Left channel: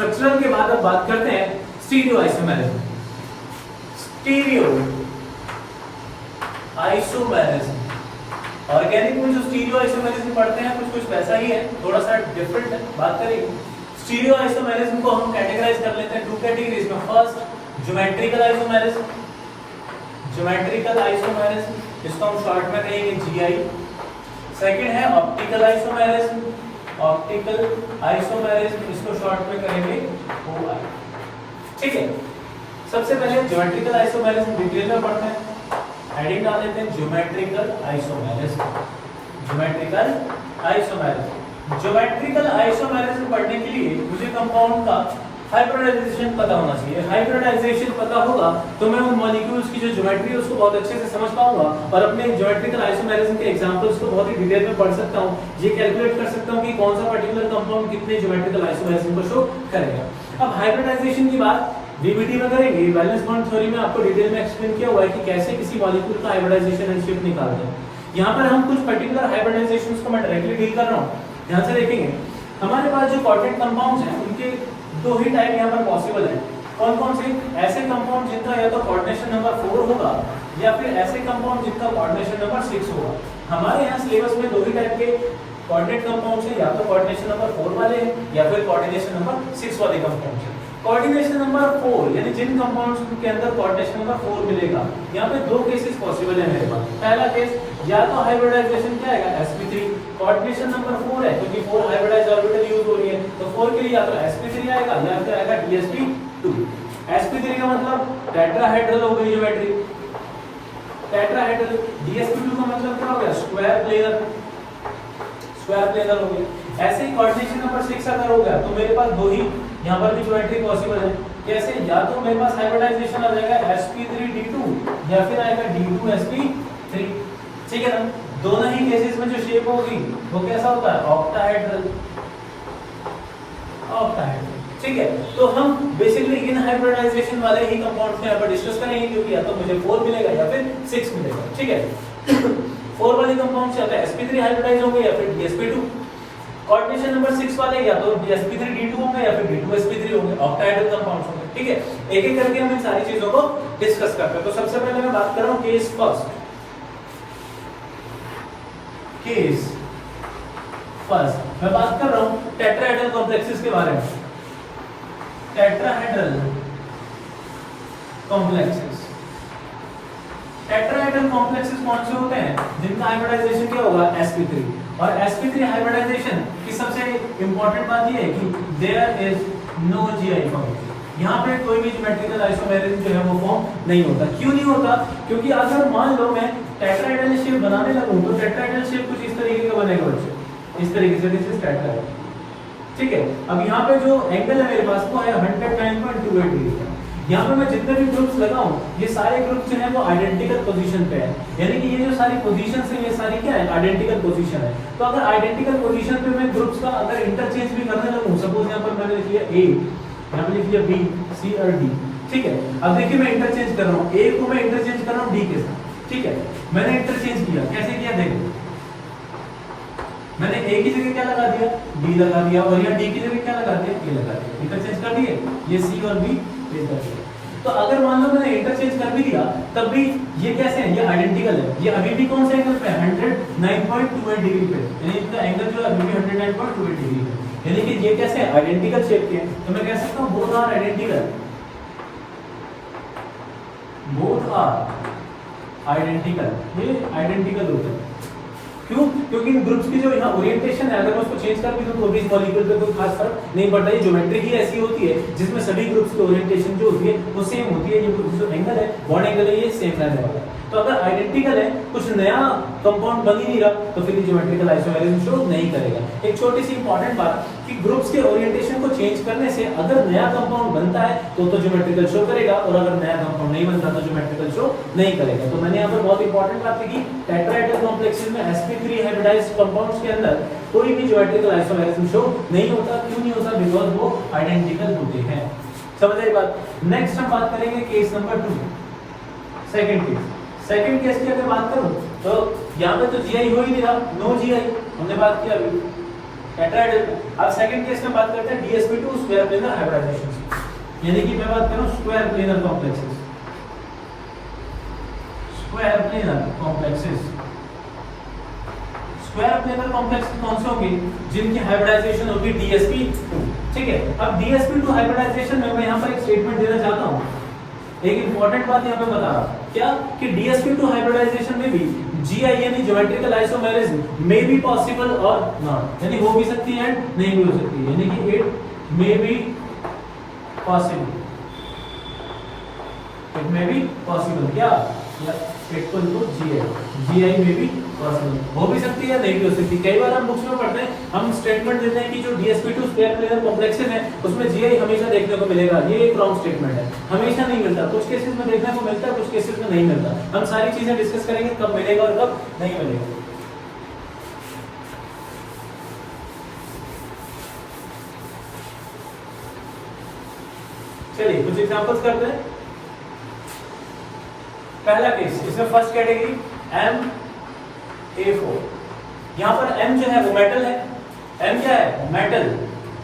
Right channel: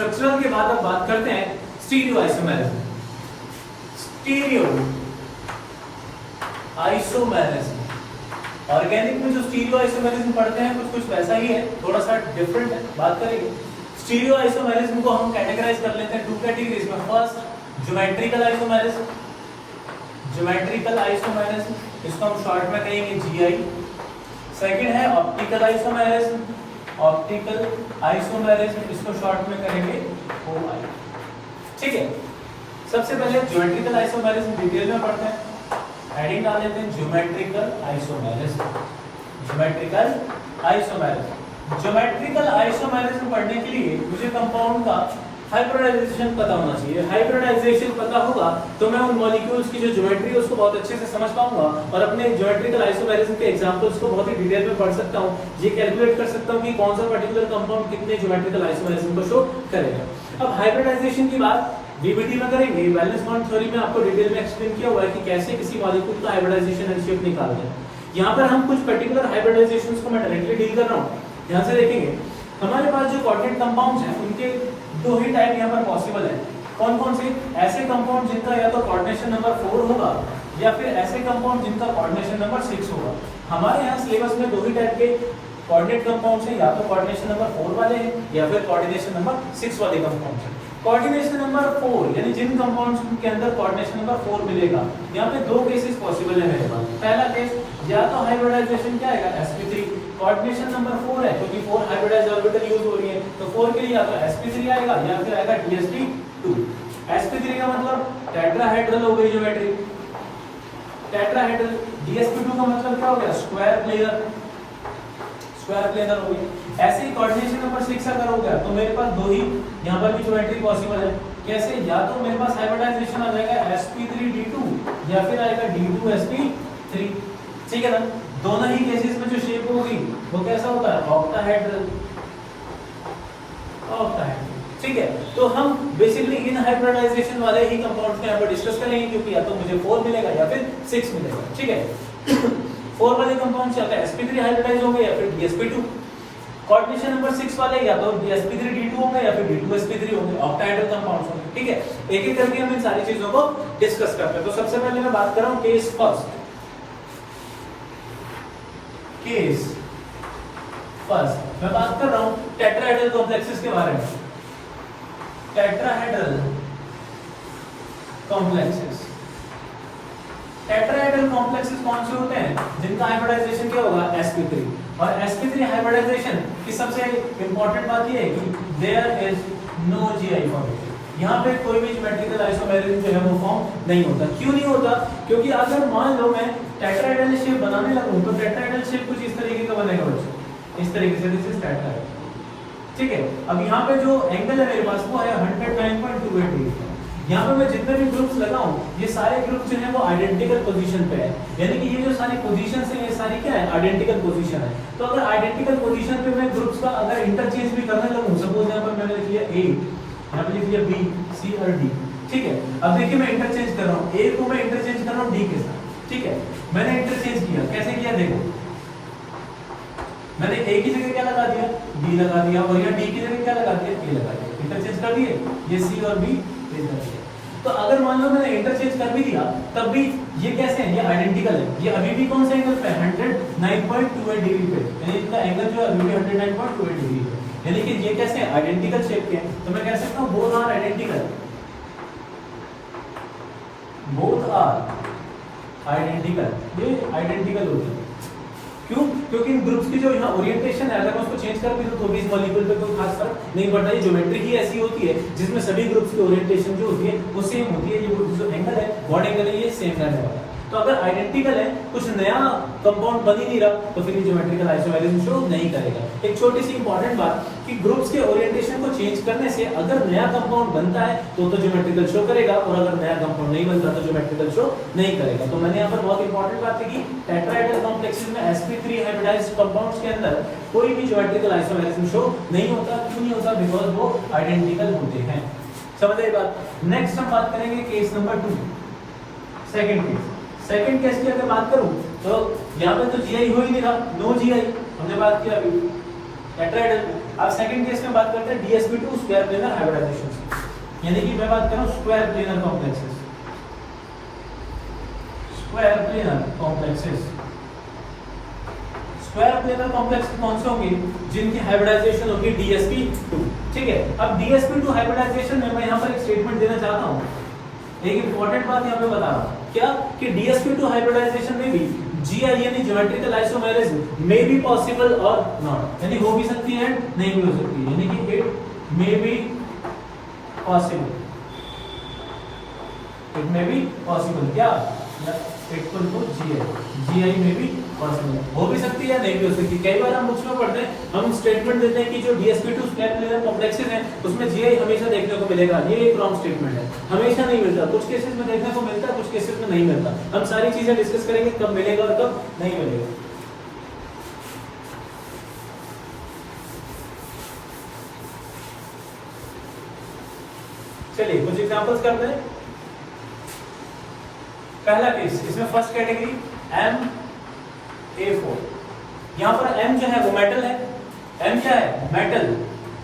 Structural के बाद अब बात करते हैं stereo isomerism. Stereo isomerism, organic में जो स्टीरियो आइसोमेरिज्म पढ़ते हैं कुछ वैसा ही है, थोड़ा सा डिफरेंट है। बात करेंगे स्टीरियो आइसोमेरिज्म को हम कैटेगराइज कर लेते हैं 2 कैटेगरीज में। First geometrical isomerism, geometrical isomerism, इसको हम शॉर्ट में कहेंगे जीआई। सेकंड है ऑप्टिकल आइसोमेरिज्म, ऑप्टिकल आइसोमेरिज्म, इसको शॉर्ट में करेंगे ओआई। ठीक है, सबसे पहले ज्योमेट्रिकल आइसोमेरिज्म डिटेल में पढ़ते हैं। हेडिंग डाल लेते हैं geometrical isomerism. Geometrical isomerism, geometrical isomerism पढ़ने के लिए मुझे कंपाउंड का हाइब्रिडाइजेशन पता होना चाहिए। हाइब्रिडाइजेशन पता होगा तो मैं उन मॉलिक्यूल्स की जो ज्योमेट्री है उसको बहुत अच्छे से समझ पाऊंगा और अपने ज्योमेट्रिकल आइसोमेरिज्म के एग्जांपल्स को बहुत ही डिटेल में पढ़ सकता हूं। ये कैलकुलेट कर सकता हूं कि कौन सा पर्टिकुलर कंपाउंड कितने ज्योमेट्रिकल आइसोमेरिज्म को शो करेगा। अब हाइब्रिडाइजेशन की बात डीबीटी में करेंगे। वैलेंस बॉन्ड थ्योरी में आपको डिटेल में एक्सप्लेन किया हुआ है कि कैसे किसी मॉलिक्यूल का हाइब्रिडाइजेशन एंड शेप निकालते हैं। यहाँ पर हम कुछ पर्टिकुलर हाइब्रिडाइजेशंस को मैं डायरेक्टली डील कर रहा हूँ। ध्यान से देखेंगे, हमारे पास जो कोऑर्डिनेट कंपाउंड्स हैं उनके दो ही टाइप यहाँ पर पॉसिबल है। कौन कौन से? ऐसे कंपाउंड जिनका या तो कोऑर्डिनेशन नंबर 4 होगा या फिर ऐसे कंपाउंड जिनका कोऑर्डिनेशन नंबर 6 होगा। हमारे यहाँ सिलेबस में दो ही टाइप के कोऑर्डिनेट कंपाउंड्स हैं, या तो कोऑर्डिनेशन नंबर 4 वाले हैं या फिर कोऑर्डिनेशन नंबर 6 वाले कंपाउंड हैं। कोऑर्डिनेशन नंबर 4 यानी जिन कंपाउंड्स के अंदर कोऑर्डिनेशन नंबर 4 मिलेगा, यहाँ पे दो केसेस पॉसिबल है मेरे पास। पहला केस या तो हाइब्रिडाइजेशन क्या आएगा sp3, कोऑर्डिनेशन नंबर 4 है क्योंकि 4 हाइब्रिडाइज ऑर्बिटल यूज हो रही है, तो 4 के लिए या तो sp3 आएगा या फिर आएगा dsp2। sp3 का मतलब टेट्राहेड्रल हो गई ज्योमेट्री, टेट्राहेड्रल। dsp2 का मतलब क्या हो गया? स्क्वायर प्लेनर, स्क्वायर प्लेनर हो गया। ऐसे ही कोऑर्डिनेशन नंबर 6 अगर होगा तो मेरे पास दो ही यहाँ पर भी ज्योमेट्री पॉसिबल है। कैसे? या तो मेरे पास हाइब्रिडाइजेशन आ जाएगा sp3d2 या फिर आएगा d2sp3। ठीक है ना? दोनों ही केसेस में जो शेप होगी वो कैसा होता है? Octahedral, octahedral. ठीक है, तो हम बेसिकली इन हाइब्रिडाइजेशन वाले ही कंपाउंड्स में यहाँ पर डिस्कस करेंगे क्योंकि या तो मुझे 4 मिलेगा या फिर 6 मिलेगा। ठीक है, 4 वाले कंपाउंड से sp3 हाइब्रिडाइज होंगे या फिर dsp2। कोऑर्डिनेशन नंबर 6 वाले या तो sp3d2 होंगे या फिर d2sp3 होंगे, ऑक्टाहेड्रल कंपाउंड्स होंगे। ठीक है, एक एक करके हम इन सारी चीजों को डिस्कस करते हैं। तो सबसे पहले मैं बात कर रहा हूं केस फर्स्ट। केस फर्स्ट मैं बात कर रहा हूं टेट्राहेड्रल कॉम्प्लेक्सेस के बारे में। टेट्राहेड्रल कॉम्प्लेक्सेस, टेट्राहेड्रल कॉम्प्लेक्सेस कौन से होते हैं? जिनका हाइब्रिडाइजेशन क्या होगा? sp3। और sp3 हाइब्रिडाइजेशन की सबसे इंपॉर्टेंट बात ये है कि there is no GI form. यहाँ पे कोई भी ज्योमेट्रिकल आइसोमेरिज्म जो है वो फॉर्म नहीं होता। क्यों नहीं होता? क्योंकि अगर मान लो मैं टेट्राहेड्रल शेप बनाने लगूं तो टेट्राहेड्रल शेप कुछ इस तरीके का बनेगा बच्चे, इस तरीके से, दिस इज टेट्राहेड्रल। ठीक है, अब यहाँ पे जो एंगल है मेरे पास वो है 109.28 डिग्री। यहाँ पे मैं जितने भी ग्रुप्स लगाऊं ये सारे ग्रुप जो है वो आइडेंटिकल पोजीशन पे है, यानी कि ये जो सारी पोजीशंस हैं ये सारी क्या है? आइडेंटिकल पोजीशन है। तो अगर आइडेंटिकल पोजीशन पे मैं ग्रुप्स का अगर इंटरचेंज भी करने लगूं, सपोज यहाँ पर मैंने लिख लिया A, यहाँ पे लिख लिया B, C और D। ठीक है, अब देखिए मैं इंटरचेंज कर रहा हूँ, A को मैं इंटरचेंज कर रहा हूँ D के साथ। ठीक है, मैंने इंटरचेंज किया, कैसे किया? देखो मैंने A की जगह क्या लगा दिया? D लगा दिया, और यहाँ D की जगह क्या लगा दिया? A लगा दिया। इंटरचेंज कर दिए, ये C और B कर दिया। तो अगर मान लो मैंने इंटरचेंज कर भी दिया तब भी ये कैसे है? ये आइडेंटिकल है। ये अभी भी कौन से एंगल पे? 109.28 डिग्री पे, यानी इनका एंगल जो है अभी भी 109.28 डिग्री पे, यानी कि ये कैसे है? आइडेंटिकल शेप के हैं। तो मैं कह सकता हूं both are identical, both are identical, ये आइडेंटिकल होते हैं। क्यों? क्योंकि इन ग्रुप्स की जो यहाँ ओरिएंटेशन है अगर मैं उसको चेंज कर भी दूं तो भी इस मॉलिक्यूल पे कोई खास फर्क नहीं पड़ता। ये ज्योमेट्री ही ऐसी होती है जिसमें सभी ग्रुप्स की ओरिएंटेशन जो होती है वो सेम होती है। ये जो एंगल है बॉन्ड एंगल है ये सेम रहने वाला है। तो अगर आइडेंटिकल है, कुछ नया कंपाउंड बन ही नहीं रहा, तो फिर ज्योमेट्रिकल आइसोमेरिज्म शो नहीं करेगा। एक छोटी सी इंपॉर्टेंट बात कि ग्रुप्स के ओरिएंटेशन को चेंज करने से अगर नया कंपाउंड बनता है तो ज्योमेट्रिकल शो करेगा, और अगर नया कंपाउंड नहीं बनता तो ज्योमेट्रिकल शो नहीं करेगा। तो मैंने यहाँ पर बहुत इंपॉर्टेंट बात की, टेट्राहेड्रल कॉम्प्लेक्सेस में sp3 हाइब्रिडाइज्ड कंपाउंड्स के अंदर कोई भी ज्योमेट्रिकल आइसोमेरिज्म शो नहीं होता। क्यों नहीं होता? बिकॉज़ वो आइडेंटिकल होते हैं। समझ रहे बात? नेक्स्ट हम बात करेंगे case number 2, second case. Second case की अगर बात करूं तो यहाँ पे तो GI हो ही नहीं रहा, नो GI हमने बात किया अभी। टेट्राहेड्रल। अब सेकंड केस में बात करते हैं DsP2 स्क्वायर प्लेनर हाइब्रिडाइजेशन, यानी कि मैं बात करूं square planar complexes, square planar complexes. Square planar complex कौन से होंगे? जिनकी हाइब्रिडाइजेशन होगी DsP2। ठीक है, अब DsP2 हाइब्रिडाइजेशन में मैं यहाँ पर एक स्टेटमेंट देना चाहता हूँ, एक इंपॉर्टेंट बात यहाँ पे बता रहा हूँ, क्या कि DsP2 हाइब्रिडाइजेशन में भी GI यानी geometrical isomerism may be possible और नॉट, यानी हो भी सकती है नहीं भी हो सकती है, यानी कि it may be possible, it may be possible, क्या इक्वल टू GI में भी पॉसिबल हो भी सकती है नहीं भी हो सकती। कई बार हम बुक्स में पढ़ते हैं, हम स्टेटमेंट देते हैं कि जो DsP2 स्क्वायर प्लेनर कॉम्प्लेक्सेस है उसमें GI हमेशा देखने को मिलेगा, ये एक रॉन्ग स्टेटमेंट है, हमेशा नहीं मिलता, कुछ केसेस में देखने को मिलता है, कुछ केसेस में नहीं मिलता। हम सारी चीजें डिस्कस करेंगे कब मिलेगा और कब नहीं मिलेगा। चलिए कुछ एग्जांपल्स करते हैं। पहला केस, इसमें फर्स्ट कैटेगरी MA4, यहाँ पर M जो है वो मेटल है, M क्या है? मेटल,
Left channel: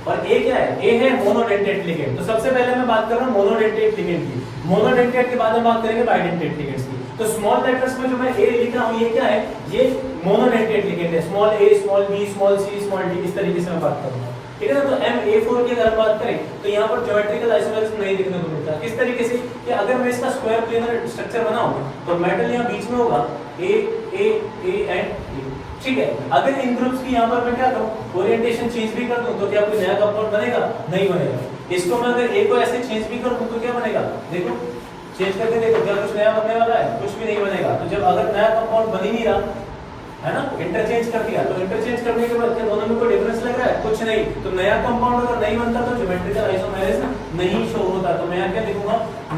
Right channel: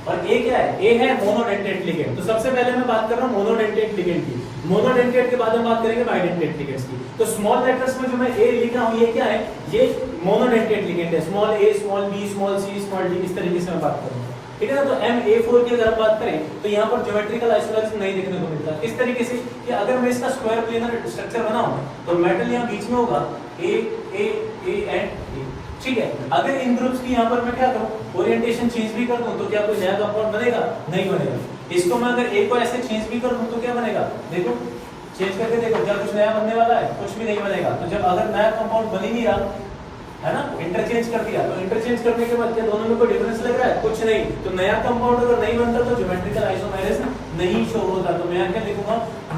और A क्या है? A है मोनोडेंटेट लिगेंड। तो सबसे पहले मैं बात कर रहा हूँ मोनोडेंटेट लिगेंड की, मोनोडेंटेट के बाद हम बात करेंगे बाइडेंटेट लिगेंड्स की। तो स्मॉल लेटर्स में जो मैं A लिख रहा हूँ ये क्या है? ये मोनोडेंटेट लिगेंड है, small a, small b, small c, small d, इस तरीके से मैं बात करूंगा। ठीक है ना? तो MA4 की अगर बात करें तो यहाँ पर ज्योमेट्रिकल आइसोमेरिज्म नहीं देखने को मिलता। किस तरीके से कि अगर मैं इसका स्क्वायर प्लेनर स्ट्रक्चर बनाऊं तो मेटल यहाँ बीच में होगा A एंड E। ठीक है, अगर इन ग्रुप्स की यहाँ पर मैं क्या करूं, ओरिएंटेशन चेंज भी कर दूं तो क्या कोई नया कंपाउंड बनेगा? नहीं बनेगा। इसको मैं अगर A को ऐसे चेंज भी कर दूं तो क्या बनेगा? देखो चेंज करके देखो, क्या कुछ नया बनने वाला है? कुछ भी नहीं बनेगा। तो जब अगर नया कंपाउंड बन ही नहीं रहा है ना, इंटरचेंज कर दिया, तो इंटरचेंज करने के बाद क्या दोनों में कोई डिफरेंस लग रहा है? कुछ नहीं। तो नया कंपाउंड अगर नहीं बनता तो ज्योमेट्रिकल आइसोमेरिज्म नहीं शो होता। तो मैं यहाँ क्या लिखूंगा?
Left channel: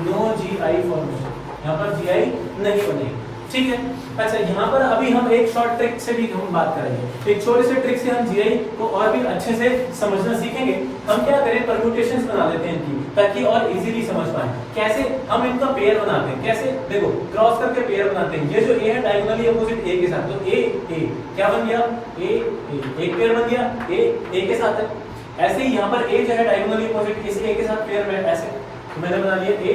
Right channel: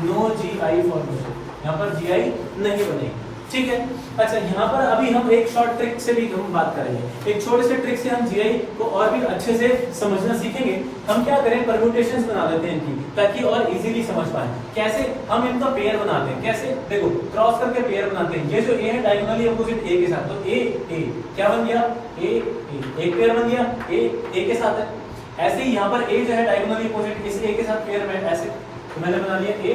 नो GI फॉर्मेशन, यहाँ पर GI नहीं बनेगी। ठीक है, अच्छा यहाँ पर अभी हम एक शॉर्ट ट्रिक से भी हम बात करेंगे, एक छोटे से ट्रिक से हम GI को और भी अच्छे से समझना सीखेंगे। हम क्या करें, परम्यूटेशंस बना लेते हैं इनकी, ताकि और इजीली समझ पाएं। कैसे? हम इनका पेयर बनाते हैं। कैसे? देखो क्रॉस करके पेयर बनाते हैं। ये जो A है डायगोनली अपोजिट A के साथ, तो A क्या बन गया? A एक पेयर बन गया, A के साथ है। ऐसे ही यहाँ पर A जो है डायगोनली अपोजिट इस A के साथ पेयर में, ऐसे तो मैंने बना लिया A।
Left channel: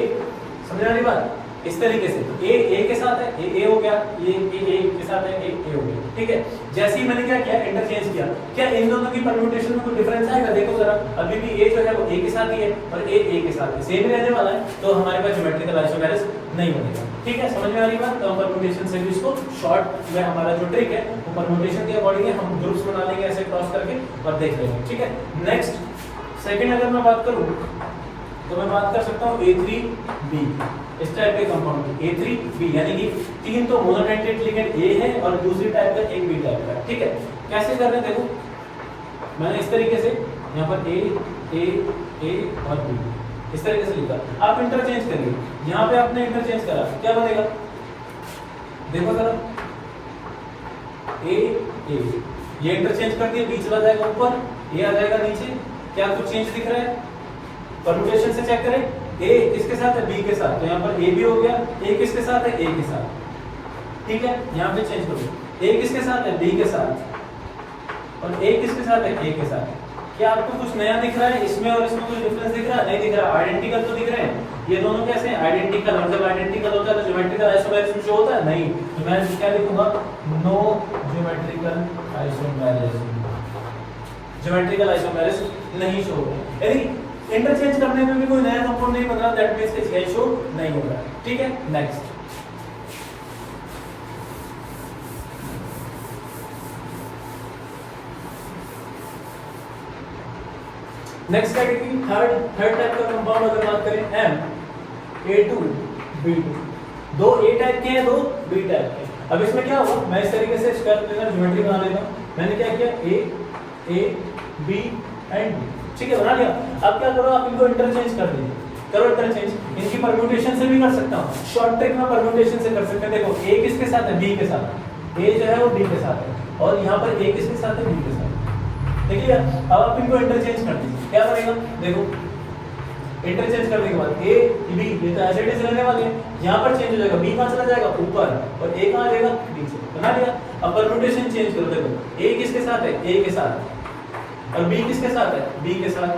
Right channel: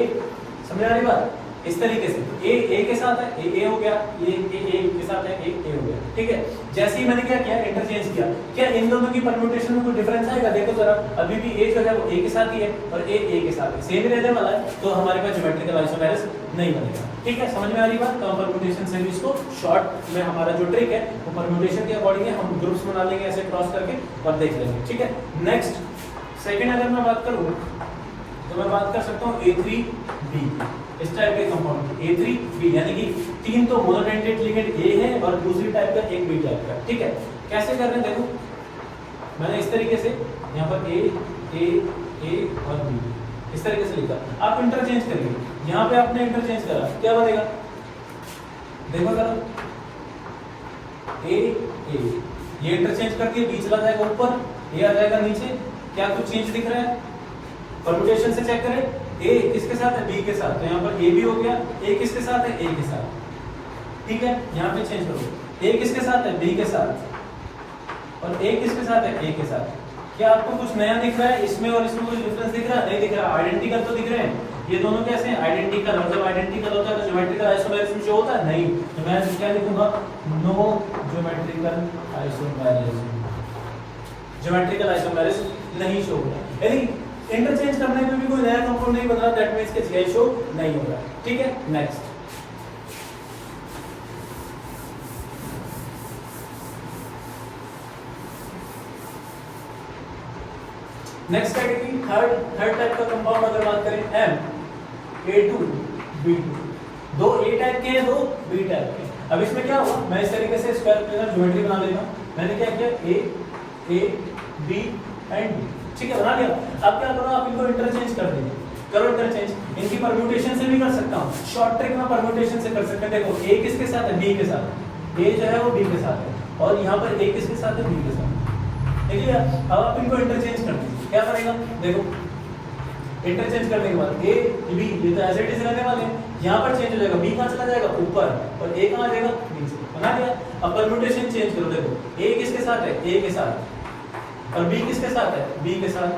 समझ आ रही बात? इस तरीके से A के साथ है, A हो गया, ये A के साथ है, A हो गया। ठीक है, जैसे ही मैंने क्या किया, इंटरचेंज किया, क्या इन दोनों की परम्यूटेशन में कोई डिफरेंस आएगा? देखो जरा, अभी भी A जो है वो A के साथ ही है और A के साथ है, सेम रहने वाला है। तो हमारे पास ज्योमेट्रिकल आइसोमेरिज्म नहीं बनेगा। ठीक है, समझ में आ रही बात? तो परम्यूटेशन से भी इसको शॉर्ट में हमारा जो ट्रिक है वो परम्यूटेशन के अकॉर्डिंग हम ग्रुप्स बना लेंगे ऐसे क्रॉस करके और देख लेंगे। ठीक है, नेक्स्ट सेकंड अगर मैं बात करूं तो मैं बात कर सकता हूँ A3B, इस टाइप के कंपाउंड A3B, यानी कि तीन तो मोनोडेंटेट लिगेंड A है और दूसरी टाइप का एक B टाइप का। ठीक है, कैसे कर रहे हैं देखो, मैंने इस तरीके से यहाँ पर A और B इस तरीके से लिखा। आप इंटरचेंज करिए, यहाँ पे आपने इंटरचेंज करा, क्या बनेगा? देखो जरा, A ये इंटरचेंज कर दिया, B चला जाएगा ऊपर, A आ जाएगा नीचे। क्या कुछ चेंज दिख रहा है? परम्यूटेशन से चेक करें, A किसके साथ है? B के साथ, तो यहाँ पर A भी हो गया, A किसके साथ है? A के साथ। ठीक है, यहाँ पे चेंज करो, A किसके साथ है? B के साथ, और A किसके साथ है? A के साथ। क्या आपको कुछ नया दिख रहा है इसमें और इसमें? कुछ डिफरेंस दिख रहा है? नहीं दिख रहा। आइडेंटिकल तो दिख रहे हैं, ये दोनों कैसे हैं? आइडेंटिकल। जब आइडेंटिकल होता है तो ज्योमेट्रिकल आइसोमेरिज्म शो होता है? नहीं। तो मैं क्या लिखूंगा? No geometrical isomerism, geometrical isomerism नहीं शो होता। यानी इंटरचेंज करने में भी कोई नया कंपाउंड नहीं बना, दैट मींस कि GI शो नहीं हो रहा। ठीक है, नेक्स्ट कैटेगरी थर्ड टाइप का कंपाउंड अगर बात करें MA2B2, दो A टाइप के हैं, दो B टाइप के। अब इसमें क्या होगा, मैं इस तरीके से स्क्वायर प्लेनर ज्योमेट्री बना लेगा। मैंने क्या किया? A B and B। ठीक है, बना लिया। अब क्या करो, आप इनको इंटरचेंज कर देंगे। करो इंटरचेंज, इनकी परम्यूटेशन से भी कर सकता हूँ, शॉर्ट ट्रिक में परम्यूटेशन से कर सकते हैं। देखो A किसके साथ है? B के साथ। A जो है वो B के साथ है और यहाँ पर A किसके साथ है? B के साथ। देखिए, अब आप इनको इंटरचेंज कर दीजिए, क्या बनेगा? देखो इंटरचेंज करने के बाद A B ये तो एज इट इज रहने वाले हैं, यहाँ पर चेंज हो जाएगा, B कहाँ चला जाएगा? ऊपर, और A कहाँ जाएगा? नीचे। बना लिया। अब परम्यूटेशन चेंज करो, देखो A किसके साथ है? A के साथ, और बी किसके साथ है, बी के साथ।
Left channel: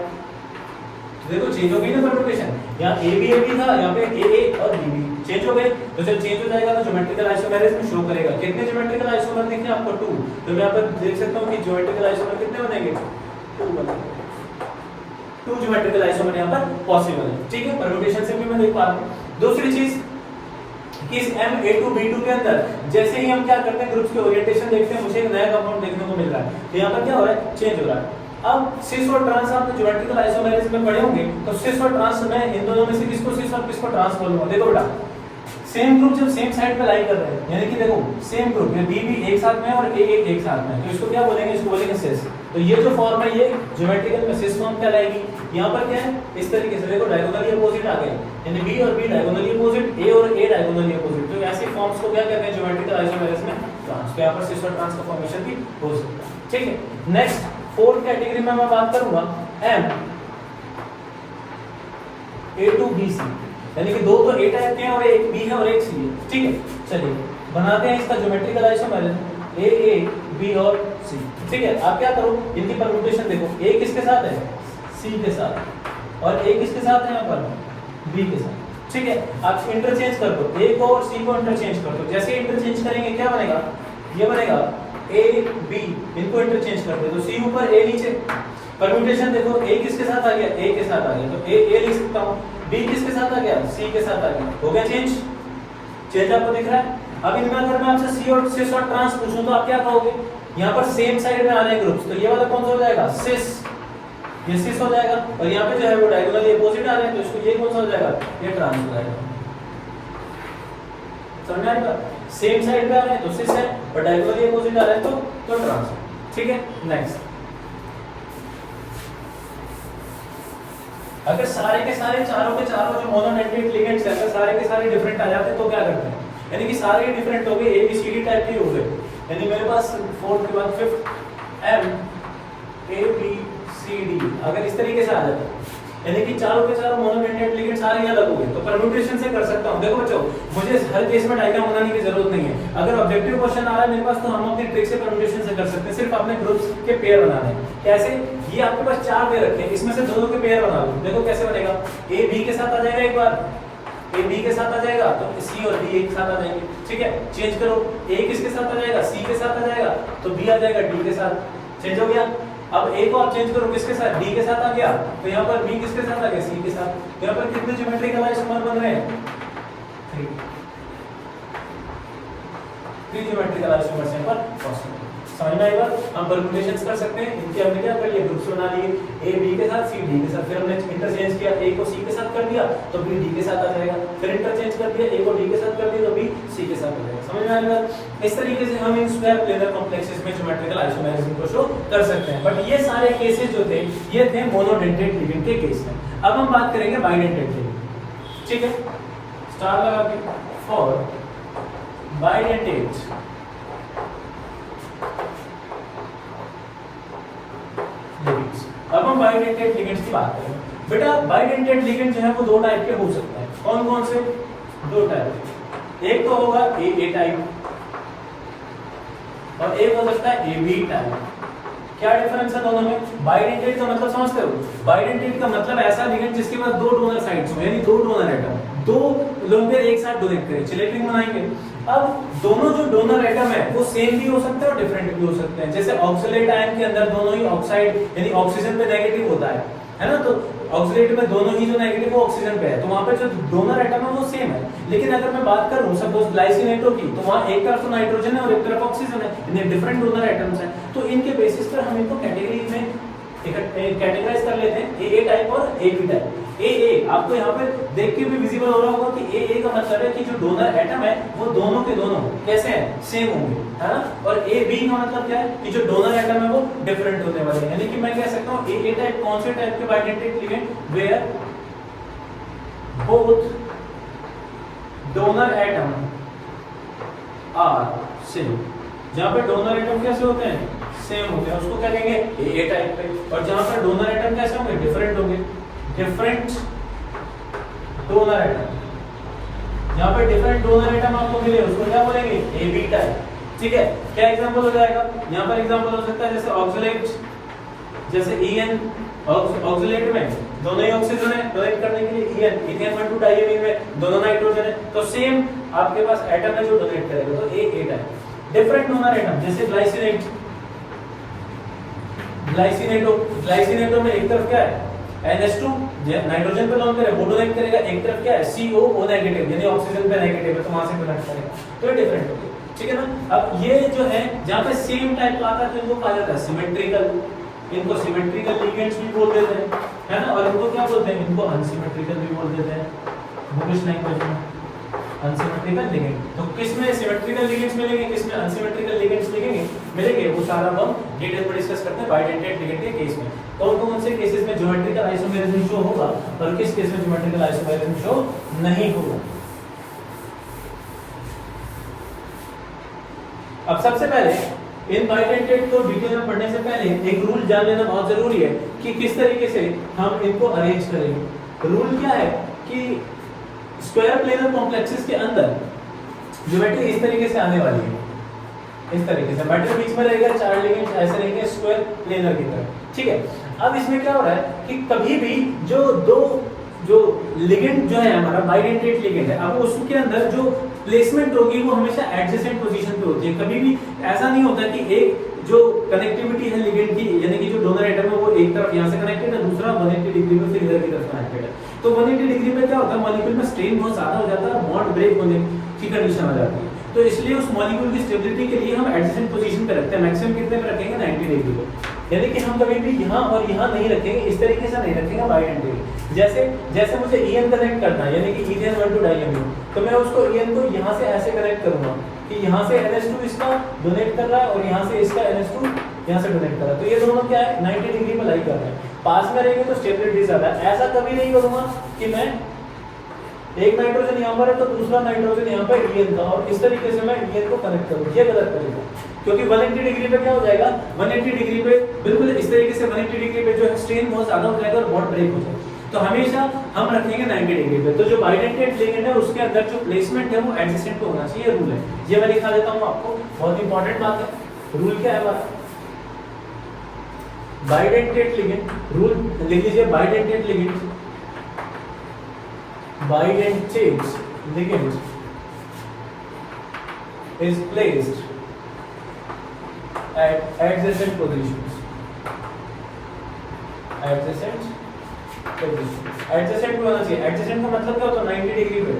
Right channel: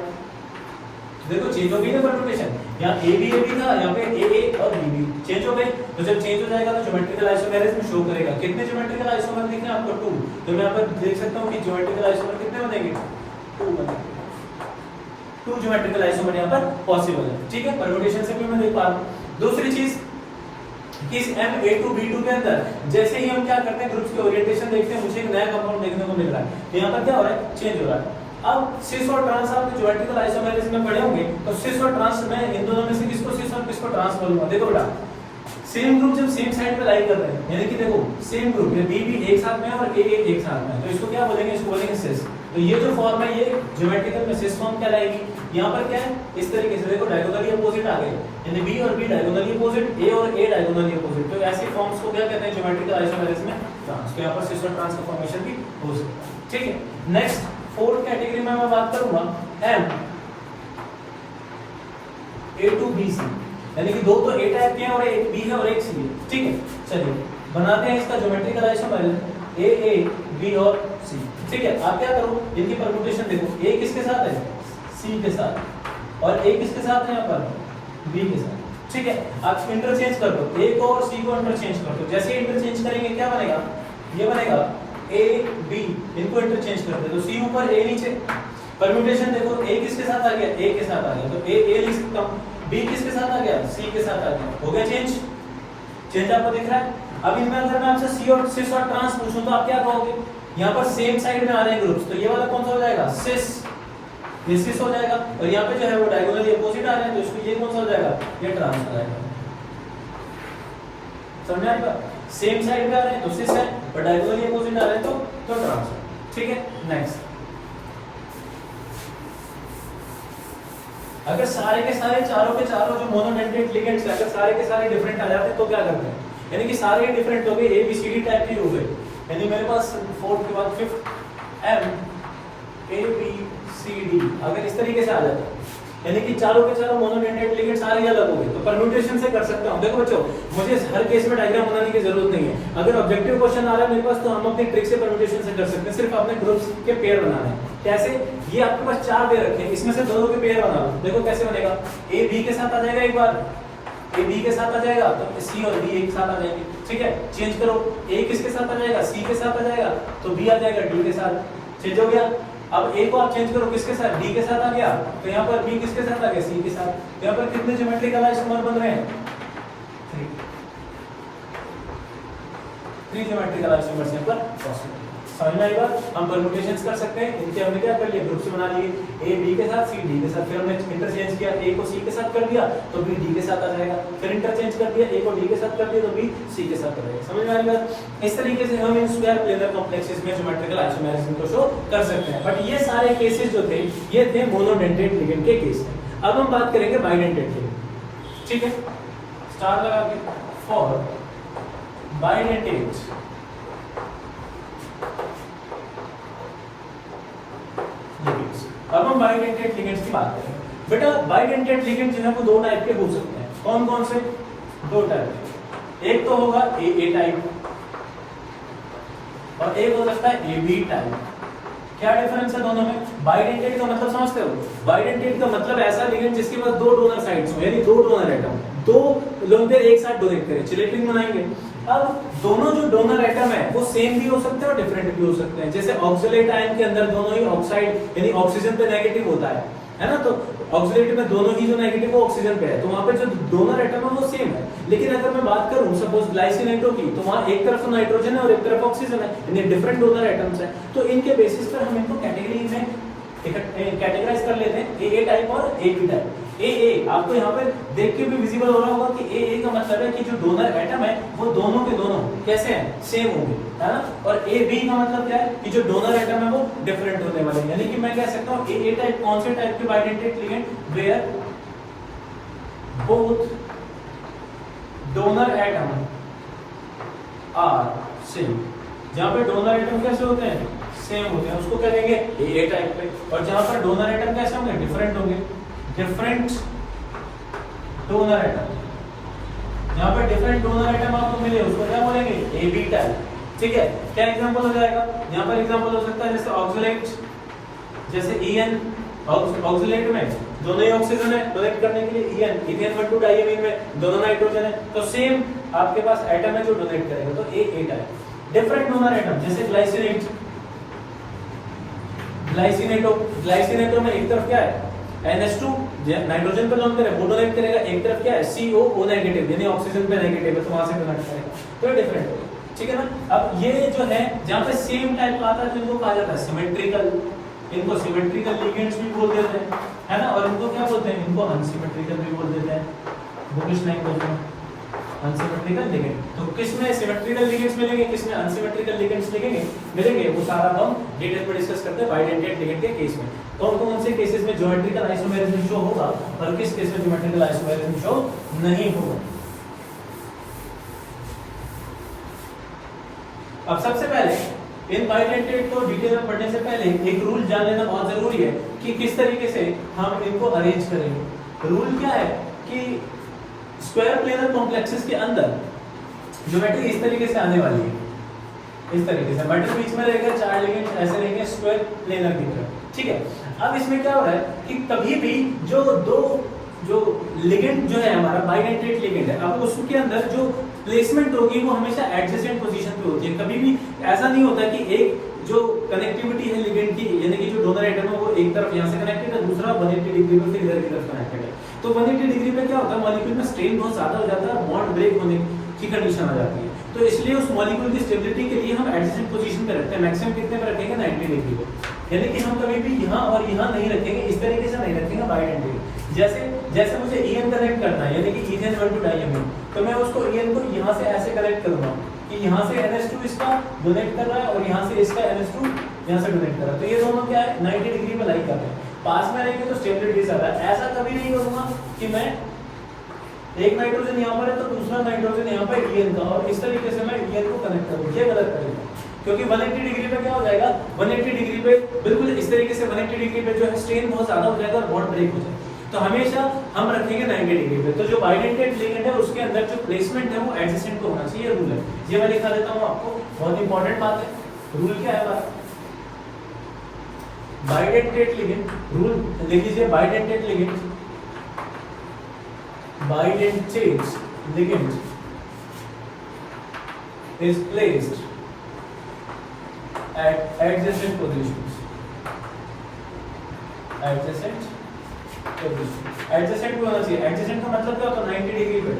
देखो चेंज हो गई ना परम्यूटेशन, यहाँ ए बी था, यहाँ पे ए और बी बी चेंज हो गए। तो जब चेंज हो जाएगा तो ज्योमेट्रिकल आइसोमेरिज्म में शो करेगा। कितने ज्योमेट्रिकल आइसोमर दिख रहे हैं आपको, 2। तो मैं यहाँ पे देख सकता हूँ कि ज्योमेट्रिकल आइसोमर कितने बनेंगे, 2 बनेंगे। 2 ज्योमेट्रिकल आइसोमर यहाँ पर पॉसिबल है, ठीक है। परम्यूटेशन से भी मैं देख पा रहा हूँ। दूसरी चीज कि इस M(A2)B2 के अंदर जैसे ही हम क्या करते हैं, ग्रुप्स के ओरिएंटेशन देखते हैं, मुझे एक नया कंपाउंड देखने को मिल रहा है। तो यहाँ पर क्या हो रहा है, चेंज हो रहा है। अब सिस और ट्रांस आपने ज्योमेट्रिकल आइसोमेरिज्म में पढ़े होंगे, तो सिस और ट्रांस में इन दोनों में से किसको सिस और किसको ट्रांस बोलूंगा। देखो बेटा, सेम ग्रुप जब सेम साइड पे लाई कर रहे हैं, यानी कि देखो सेम ग्रुप में बी भी एक साथ में और ए एक साथ में, तो इसको क्या बोलेंगे, इसको बोलेंगे सिस। तो ये जो फॉर्म है ये ज्योमेट्रिकल में सिस फॉर्म कहलाएगी। यहाँ पर क्या है, इस तरीके से देखो डायगोनली अपोजिट आ गए, यानी बी और बी डायगोनली अपोजिट, ए और ए डायगोनली अपोजिट। तो ऐसे फॉर्म्स को क्या कहते हैं, ज्योमेट्रिकल आइसोमेरिज्म में ट्रांस। तो यहाँ पर सिस और ट्रांस का फॉर्मेशन भी हो सकता है, ठीक है। नेक्स्ट 4th कैटेगरी में मैं बात करूंगा M(A2)BC, यानी कि 2 तो A टाइप के हैं और एक B है और एक C है, ठीक है। चलिए बनाते हैं इसका ज्योमेट्रिकल आइसोमेरिज्म A, और C, ठीक है। आप क्या करो, इनकी परम्यूटेशन देखो, A किसके साथ है, C के साथ, और A किसके साथ है यहाँ पर, B के साथ, ठीक है। आप इंटरचेंज कर दो, A को और C को इंटरचेंज कर दो। जैसे इंटरचेंज करेंगे क्या बनेगा, ये बनेगा A, B, इनको इंटरचेंज कर दे तो C ऊपर A नीचे। परम्यूटेशन देखो, A किसके साथ आ गया, A के साथ आ गया, तो A लिख सकता हूँ। B किसके साथ आ गया, C के साथ आ गया, हो गया चेंज। चेंज आपको दिख रहा है। अब इनमें अगर मैं आपसे C और सिस और ट्रांस पूछूं तो आप क्या कहोगे, यहाँ पर सेम साइड में आ रहे हैं ग्रुप्स, तो ये वाला कौन सा हो जाएगा, सिस, ये सिस हो जाएगा। और यहाँ पे जो है वो डायगोनली अपोजिट आ रहे हैं, तो इसको ये कौन सा हो जाएगा, ये ट्रांस हो जाएगा। समझ आएगा, सेम साइड पे आ रहे हैं तो सिस है, और डायगोनली अपोजिट आ रहे हैं तो ट्रांस, ठीक है। नेक्स्ट, अगर सारे के सारे चारों के चारों जो मोनोमेटेड लिगेंड्स हैं, अगर सारे के सारे डिफरेंट आ जाते हैं तो क्या करते हैं, यानी कि सारे डिफरेंट हो गए, ABCD टाइप की हो गए, यानी मेरे पास 4th के बाद 5th MABCD अगर इस तरीके से आ जाता है, यानी कि चारों के चारों मोनोमेटेड लिगेंड सारे अलग हो गए, तो परम्यूटेशन से कर सकता हूं। देखो बच्चों, मुझे हर केस में डायग्राम बनाने की जरूरत नहीं है। अगर ऑब्जेक्टिव क्वेश्चन आ रहा है मेरे पास, तो हम अपनी ट्रिक से परम्यूटेशन से कर सकते हैं। सिर्फ आपने ग्रुप्स के पेयर बनाने हैं। कैसे, ये आपके पास 4 दे रखे हैं, इसमें से दोनों के पेयर बना लो। देखो कैसे बनेगा, A B के साथ आ जाएगा, एक बार A B के साथ आ जाएगा, तो C और D एक साथ आ जाएंगे, ठीक है। चेंज करो, A किसके साथ आ जाएगा, C के साथ आ जाएगा, तो B आ जाएगा D के साथ, चेंज हो गया। अब A को आप चेंज करो, किसके साथ, D के साथ आ गया, तो यहाँ पर B किसके साथ आ गया, C के साथ। तो यहाँ पर कितने ज्योमेट्रिकल आइसोमर बन रहे हैं, 3 ज्योमेट्रिकल आइसोमर्स यहाँ पर पॉसिबल। समझ में आएगा, हम परम्यूटेशंस कर सकते हैं। इनके हमने क्या कर लिया, ग्रुप्स बना लिए, A B के साथ, C D के साथ, फिर हमने इंटरचेंज किया, A को C के साथ कर दिया तो B D के साथ आ जाएगा, फिर इंटरचेंज कर दिया, A को D के साथ कर दिया तो B C के साथ आ जाएगा। समझ में आएगा। इस तरीके से हम इन स्क्वायर प्लेनर कॉम्प्लेक्सेस में ज्योमेट्रिकल आइसोमेरिज्म को शो कर सकते हैं। बट ये सारे केसेस जो थे ये थे मोनोडेंटेड लिगेंड के केस में। अब हम बात करेंगे बाइडेंटेड के, ठीक है। स्टार लगा के, फॉर बाइडेंटेड अब हम बाइडेंटेड लिगेंड्स की बात करें। बेटा बाइडेंटेड लिगेंड जो है वो 2 टाइप के हो सकता है। कौन कौन से, 2 टाइप। एक तो होगा A टाइप और एक हो सकता है AB टाइप। क्या डिफरेंस है दोनों में? बाइडेंटेड का मतलब समझते हो? बाइडेंटेड का मतलब ऐसा लिगेंड जिसके पास 2 डोनर साइड्स हो, यानी 2 डोनर एटम, 2 लोगों के एक साथ डोनेट करें, चिलेटिंग बनाएंगे। अब दोनों जो डोनर एटम है वो सेम भी हो सकते हैं और डिफरेंट भी हो सकते हैं। जैसे ऑक्सीलेट आयन के अंदर दोनों ही ऑक्साइड यानी ऑक्सीजन पे नेगेटिव होता है ना, तो ऑक्सीलेट में दोनों ही जो नेगेटिव वो ऑक्सीजन पे है, तो वहां पर जो डोनर एटम है वो सेम है। लेकिन अगर मैं बात करूं सपोज ग्लाइसिनेटो की, तो वहां एक तरफ तो नाइट्रोजन है और एक तरफ ऑक्सीजन है, यानी डिफरेंट डोनर एटम्स हैं। तो इनके बेसिस पर हम इनको कैटेगरी में कैटेगराइज कर लेते हैं, ए टाइप और AB टाइप। ए आपको यहाँ पे देख के भी विजिबल हो रहा होगा कि ए का मतलब है कि जो डोनर एटम है वो दोनों के दोनों कैसे हैं, सेम होंगे, है ना। और AB का मतलब क्या है कि जो डोनर एटम है वो डिफरेंट होने वाले हैं। यानी कि मैं कह सकता हूँ ए टाइप कौन से टाइप के bidentate ligand, where both donor atom are same. जहाँ पे डोनर एटम कैसे होते हैं, सेम होते हैं, उसको करेंगे ए टाइप पे। और जहाँ पर डोनर एटम कैसे होंगे, डिफरेंट होंगे, डिफरेंट डोनर एटम। यहाँ पे डिफरेंट डोनर एटम आपको मिले उसको क्या बोलेंगे, AB टाइप, ठीक है। क्या एग्जांपल हो जाएगा, यहाँ पर एग्जांपल हो सकता है जैसे ऑक्सीलेट जैसे EN ऑक्सिलेट में दोनों ही ऑक्सीजन है, डोनेट करने के लिए EN 1 2 डाइएमीन में दोनों नाइट्रोजन है, तो सेम आपके पास एटम है जो डोनेट करेगा, तो A type. Different donor atom जैसे ग्लाइसिनेटो में एक तरफ क्या है NH2 नाइट्रोजन पे डोनेट करेगा, वो डोनेट करेगा, एक तरफ क्या है COO नेगेटिव यानी ऑक्सीजन पे नेगेटिव है, तो वहां से कनेक्ट करेगा, तो डिफरेंट होगा, ठीक है ना। अब ये जो है जहां पे सेम टाइप का आता है इनको कहा जाता है सिमेट्रिकल, इनको सिमेट्रिकल लिगेंड्स भी बोल देते हैं, है ना, और इनको क्या बोलते हैं, इनको अनसिमेट्रिकल भी बोल देते हैं, वो कुछ नहीं बोलते हैं अनसिमेट्रिकल लिगेंड। तो किसमें सिमेट्रिकल लिगेंड्स मिलेंगे, किसमें अनसिमेट्रिकल लिगेंड्स मिलेंगे, वो सारा हम डिटेल में डिस्कस करते हैं बाइडेंटेड लिगेंड के केस में। कौन से केसेस में ज्योमेट्रिकल आइसोमेरिज्म शो होगा और किस केस में ज्योमेट्रिकल आइसोमेरिज्म शो नहीं होगा। अब सबसे पहले इन बाइडेंटेड को डिटेल में पढ़ने से पहले एक रूल जान लेना बहुत जरूरी है कि किस तरीके से हम इनको अरेंज करेंगे। रूल क्या है कि स्क्वायर प्लेनर कॉम्प्लेक्सेस के अंदर ज्योमेट्री इस तरीके से आने वाली है, इस तरीके से मेटल बीच में रहेगा, चार लिगेंड्स ऐसे रहेंगे स्क्वायर प्लेनर की तरह, ठीक है। अब इसमें क्या हो रहा है कि कभी भी जो लिगेंड जो है हमारा बाइडेंटेड लिगेंड है, अब उसके अंदर जो प्लेसमेंट होगी वो हमेशा एडजेसेंट पोजीशन पे होती है। कभी भी ऐसा नहीं होता कि एक जो कनेक्टिविटी है लिगेंड की, यानी कि जो डोनर एटम है वो एक तरफ यहाँ से कनेक्टेड है, दूसरा 180 डिग्री में फिर इधर की तरफ कनेक्टेड है। तो 180 डिग्री में क्या होता है, मॉलिक्यूल में स्ट्रेन बहुत ज्यादा हो जाता है, बॉन्ड ब्रेक होने की कंडीशन आ जाती है। तो इसलिए उस मॉलिक्यूल की स्टेबिलिटी के लिए हम एडजेसेंट पोजीशन पे रखते हैं। मैक्सिमम कितने पे रखेंगे, 90 डिग्री पे, यानी कि हम कभी भी यहाँ और यहाँ नहीं रखेंगे, इस तरीके से नहीं रखेंगे बाइडेंटेड। जैसे मुझे EN कनेक्ट करना है, यानी कि EN 1 2 डाइएमीन, तो मैं उसको EN को यहाँ से ऐसे कनेक्ट करूंगा कि यहाँ से NH2 इसका डोनेट कर रहा है और यहाँ से इसका NH2 यहाँ से डोनेट कर रहा है, तो ये दोनों क्या है 90 डिग्री पे लाई कर रहा है। पास में रहेंगे तो स्टेबिलिटी ज्यादा है। ऐसा कभी नहीं करूंगा कि मैं एक नाइट्रोजन यहाँ पर है तो दूसरा नाइट्रोजन यहाँ पर EN का, और इस तरीके से मैं EN को कनेक्ट करूँ, ये गलत करेगा, क्योंकि 180 डिग्री पे क्या हो जाएगा, 180 डिग्री पे बिल्कुल इस तरीके से 180 डिग्री पे जो है स्ट्रेन बहुत ज्यादा हो जाएगा और बॉन्ड ब्रेक हो जाएगा। तो हमेशा हम रखेंगे 90 डिग्री पे। तो जो बाइडेंटेड लिगेंड है उसके अंदर जो प्लेसमेंट है वो एडजेसेंट पे होना चाहिए, रूल है। ये मैं दिखा देता हूँ आपको, बहुत इंपॉर्टेंट बात है। रूल क्या है हमारा, बाइडेंटेड लिगेंड, रूल लिख लीजिए, bidentate ligand is placed at adjacent positions. Adjacent पे होना चाहिए। एडजेसेंट का मतलब क्या होता है, 90 डिग्री पे,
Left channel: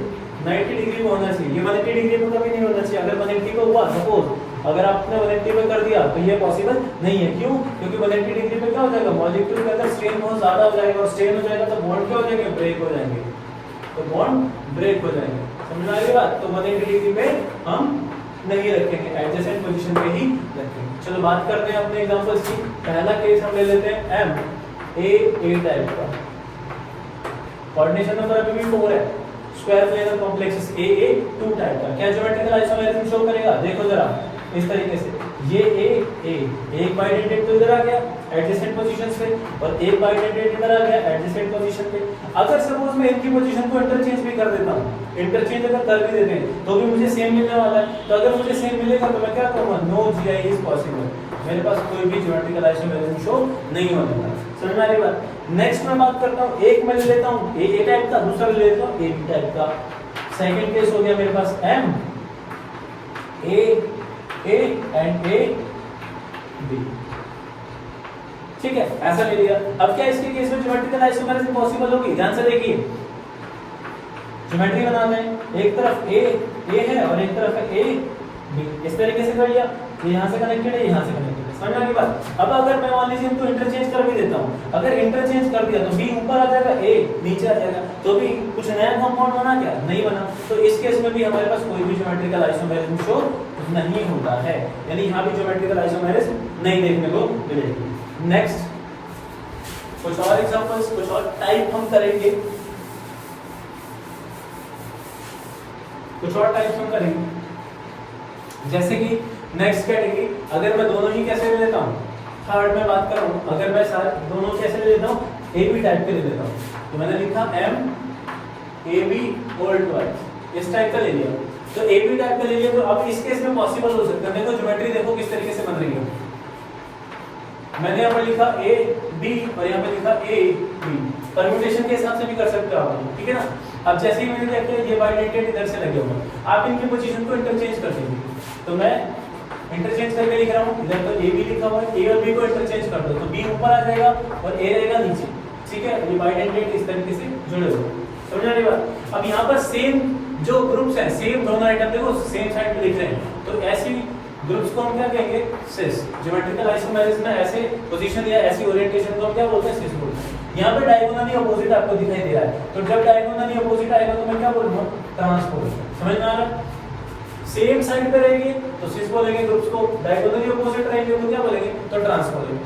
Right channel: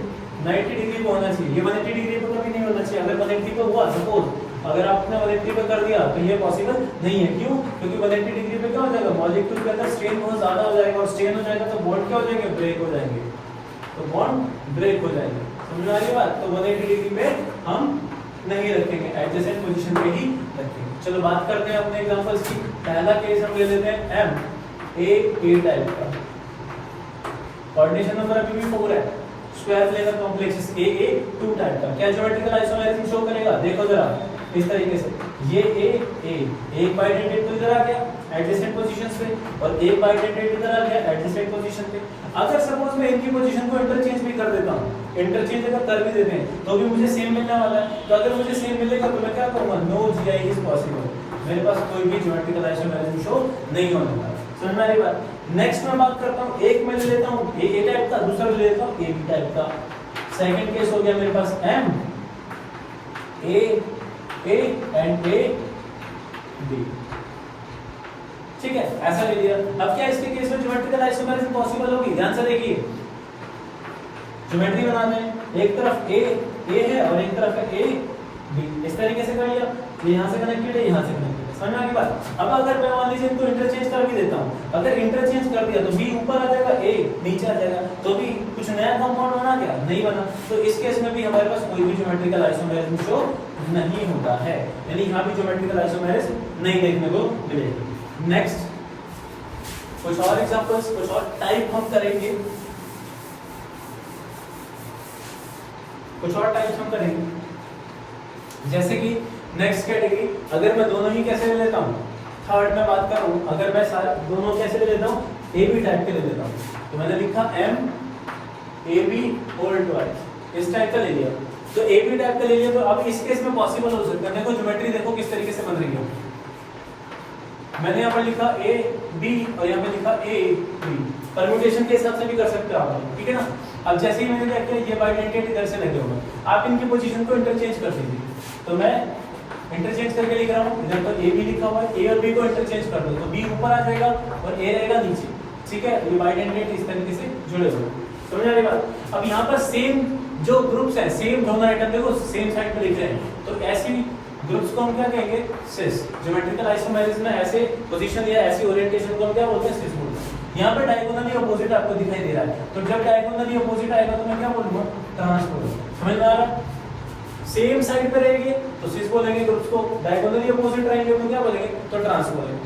90 डिग्री पे होना चाहिए। ये 180 डिग्री पे कभी नहीं होना चाहिए। अगर 180 पे हुआ, सपोज अगर आपने 180 पे कर दिया तो ये पॉसिबल नहीं है। क्यों? क्योंकि 180 डिग्री पे क्या हो जाएगा, मॉलिक्यूल के अंदर स्ट्रेन बहुत ज्यादा हो जाएगा, और स्ट्रेन हो जाएगा तो बॉन्ड क्या हो जाएंगे, ब्रेक हो जाएंगे, तो बॉन्ड ब्रेक हो जाएंगे। समझ आ रही बात? तो 180 डिग्री पे हम नहीं रखेंगे, एडजेसेंट पोजीशन पे ही रखेंगे। चलो बात करते हैं अपने एग्जांपल्स की। पहला केस हम ले लेते हैं MAA टाइप का, कोऑर्डिनेशन नंबर अभी भी 4 है, square planar complexes AA 2 type का। क्या ज्योमेट्रिकल आइसोमेरिज्म शो करेगा, देखो जरा इस तरीके से, ये A एक बाइडेंटेड तो इधर आ गया एडजेसेंट पोजीशंस पे, और एक बाइडेंटेड इधर आ गया एडजेसेंट पोजीशन पे। अगर सपोज मैं इनकी पोजीशन को इंटरचेंज भी कर देता हूं, इंटरचेंज अगर कर भी देते हैं तो भी मुझे सेम मिलने वाला है। तो अगर मुझे सेम मिलेगा तो मैं क्या करूंगा, नो GI इज पॉसिबल, मेरे पास कोई भी ज्योमेट्रिकल आइसोमेरिज्म शो नहीं होने वाला। समझ में आ रही बात? नेक्स्ट मैं बात करता हूं, एक मैं ले लेता हूं AA टाइप का, दूसरा ले लेता हूं AB टाइप का। सेकंड केस हो गया मेरे पास MAA एंड AB, ठीक है, ऐसा ले लिया। अब क्या इसके केस में ज्योमेट्रिकल आइसोमेरिज्म पॉसिबल होगी? ध्यान से देखिए, ज्योमेट्री बनाते हैं, एक तरफ A है और एक तरफ है AB, इस तरीके से कर लिया, ये यहां से कनेक्टेड है, यहां से कनेक्टेड है। समझ में आ गई बात? अब अगर मैं मान लीजिए इनको इंटरचेंज कर भी देता हूं, अगर इंटरचेंज कर दिया तो B ऊपर आ जाएगा, A नीचे आ जाएगा, तो भी कुछ नया कंपाउंड बना क्या? नहीं बना। तो इस केस में भी हमारे पास कोई भी ज्योमेट्रिकल आइसोमेरिज्म शो नहीं होगा है, यानी यहां भी ज्योमेट्रिकल आइसोमेरिज्म नहीं देखने को मिलेगी। नेक्स्ट कुछ और एग्जांपल्स, कुछ और टाइप हम करेंगे, कुछ और टाइप्स हम करेंगे। जैसे कि नेक्स्ट कैटेगरी, अगर मैं दोनों ही कैसे ले लेता हूं, थर्ड में बात करूं, अगर मैं दोनों कैसे ले लेता हूं, AB टाइप के ले लेता हूं, तो मैंने लिखा MAB होल ट्वाइस, इस टाइप का ले लिया। तो AB टाइप का ले लिया, तो अब इस केस में पॉसिबल हो सकता है। देखो ज्योमेट्री देखो किस तरीके से बन रही है, मैंने यहाँ पर लिखा ए बी और यहाँ पर लिखा ए बी, परम्यूटेशन के हिसाब से भी कर सकते हो आप, ठीक है ना। अब जैसे ही मुझे देखते हैं ये बाइडेंटेड इधर से लगे हुए, आप इनकी पोजीशन को इंटरचेंज कर देंगे। तो मैं इंटरचेंज करके लिख रहा हूँ, इधर तो ए बी लिखा हुआ है, ए और बी को इंटरचेंज कर दो तो बी ऊपर आ जाएगा और ए रहेगा नीचे, ठीक है। ये बाइडेंटेड इस तरीके से जुड़े हुए, समझ आ रही बात। अब यहाँ पर सेम जो ग्रुप्स हैं, सेम दोनों आइटम देखो सेम साइड पे लिख रहे हैं, तो ऐसी ग्रुप्स को हम क्या कहेंगे, सिस। ज्योमेट्रिकल आइसोमेरिज्म में ऐसे पोजीशन या ऐसी ओरिएंटेशन को क्या बोलते हैं, सिस बोलते हैं। यहाँ पे डायगोनली अपोजिट आपको दिखाई दे रहा है, तो जब डायगोनली अपोजिट आएगा तो मैं क्या बोलूंगा, ट्रांसपोज। समझ में आ रहा है। सेम साइड पे रहेंगे तो सिस बोलेंगे, ग्रुप्स को डायगोनली अपोजिट रहेंगे तो क्या बोलेंगे, तो ट्रांसपोज,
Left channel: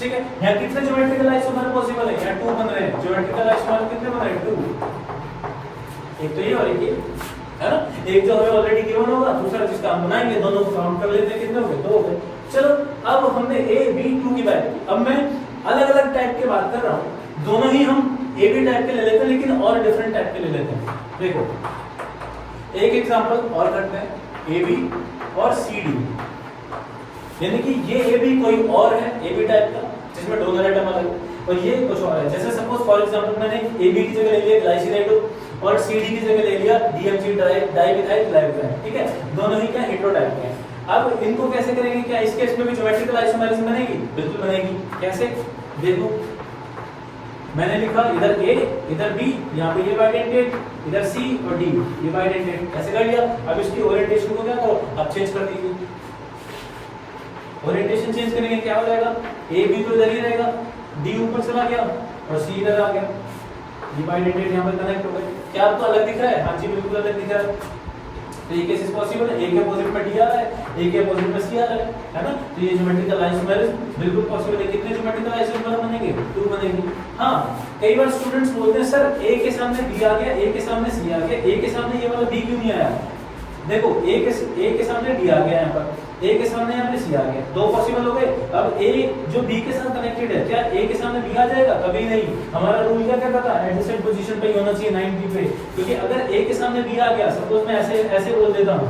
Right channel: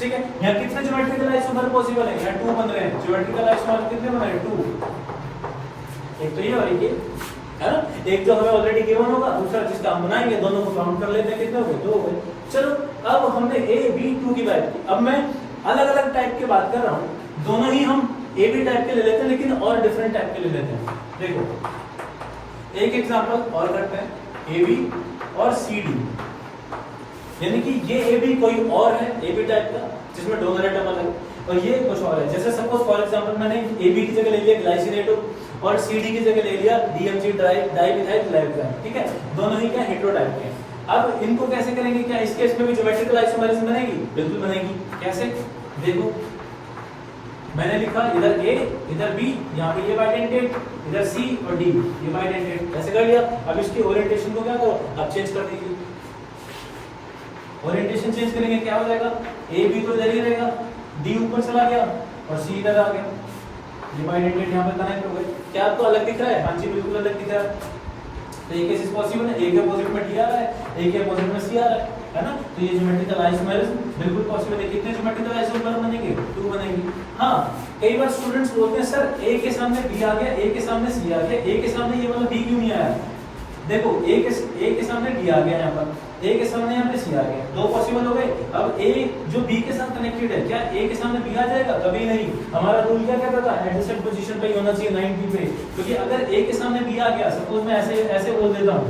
ठीक है। यहाँ कितने ज्योमेट्रिकल आइसोमर पॉसिबल है, यहाँ 2 बन रहे हैं। ज्योमेट्रिकल आइसोमर कितने बन रहे हैं, 2। एक तो ये और ये है ना, एक जो हमें ऑलरेडी गिवन होगा, दूसरा जिसका हम बनाएंगे, दोनों को काउंट कर लेते हैं, कितने हो गए, 2 हो गए। चलो अब हमने ए बी 2 की बात की, अब मैं अलग अलग टाइप की बात कर रहा हूँ, दोनों ही हम ए बी टाइप के ले लेते हैं लेकिन और डिफरेंट टाइप के ले लेते हैं। देखो एक एग्जांपल और करते हैं, ए बी और सी डी, यानी कि ये ए बी कोई और है, ए बी टाइप का जिसमें डोनर एटम अलग, और ये कुछ और है। जैसे सपोज फॉर एग्जांपल मैंने ए बी की जगह ले लिया ग्लाइसिनेटो और सी डी की जगह ले लिया डीएमजी डाइमिथाइल ग्लाइकोलाइड, ठीक है। दोनों ही क्या हेटेरोटाइप के हैं। अब इनको कैसे करेंगे, क्या इस केस में भी ज्योमेट्रिकल आइसोमेरिज्म बनेगी, बिल्कुल बनेगी। कैसे देखो, मैंने लिखा इधर ए इधर बी, यहाँ पे ये बाइडेंटेड, इधर सी और डी ये बाइडेंटेड, ऐसे कर लिया। अब इसकी ओरिएंटेशन को क्या करो, अब चेंज कर दीजिए। ओरिएंटेशन चेंज करेंगे क्या हो जाएगा, ए बी तो इधर ही रहेगा, डी ऊपर चला गया और सी इधर आ गया, ये बाइडेंटेड यहाँ पर कनेक्ट हो गए। क्या आपको अलग दिख रहा है, हाँ जी बिल्कुल अलग दिख रहा है। तो ये केस पॉसिबल है, एक के अपोजिट में डी आ रहा है, एक के अपोजिट में सी आ रहा है ना। तो ये ज्योमेट्रिकल आइसोमेरिज्म बिल्कुल पॉसिबल है। कितने ज्योमेट्रिकल आइसोमेर बनेंगे, 2 बनेंगे। हाँ, कई बार स्टूडेंट्स बोलते हैं सर ए के सामने बी आ गया, ए के सामने सी आ गया, ए के सामने ये वाला बी क्यों नहीं आया। देखो ए के सामने डी आ गया, यहाँ पर ए के सामने यहाँ पे सी आ गया, 2 पॉसिबल हो गए। अब ए जो बी के साथ कनेक्टेड है, क्या ए के सामने बी आ जाएगा, कभी नहीं। हमारा रूल क्या कहता है, एडजेसेंट पोजीशन पे होना चाहिए 90 पे, क्योंकि अगर ए के सामने बी आ गया, सपोज मैं ऐसे बोल देता हूँ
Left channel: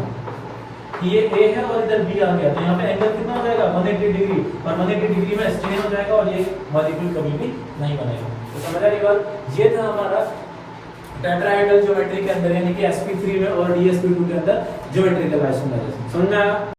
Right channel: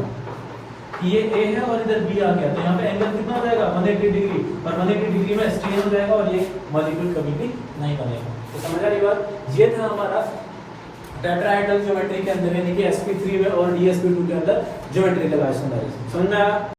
कि ये ए है और इधर बी आ गया, तो यहाँ पे एंगल कितना हो जाएगा, 180 डिग्री, और 180 डिग्री में स्ट्रेन हो जाएगा और ये मॉलिक्यूल कभी भी नहीं बनेगा। तो समझ रहे बात, ये था हमारा टेट्राहेड्रल ज्योमेट्री के अंदर, यानी कि sp3 में और dsp2 के अंदर ज्योमेट्रिकल आइसोमेरिज्म। समझ में आया।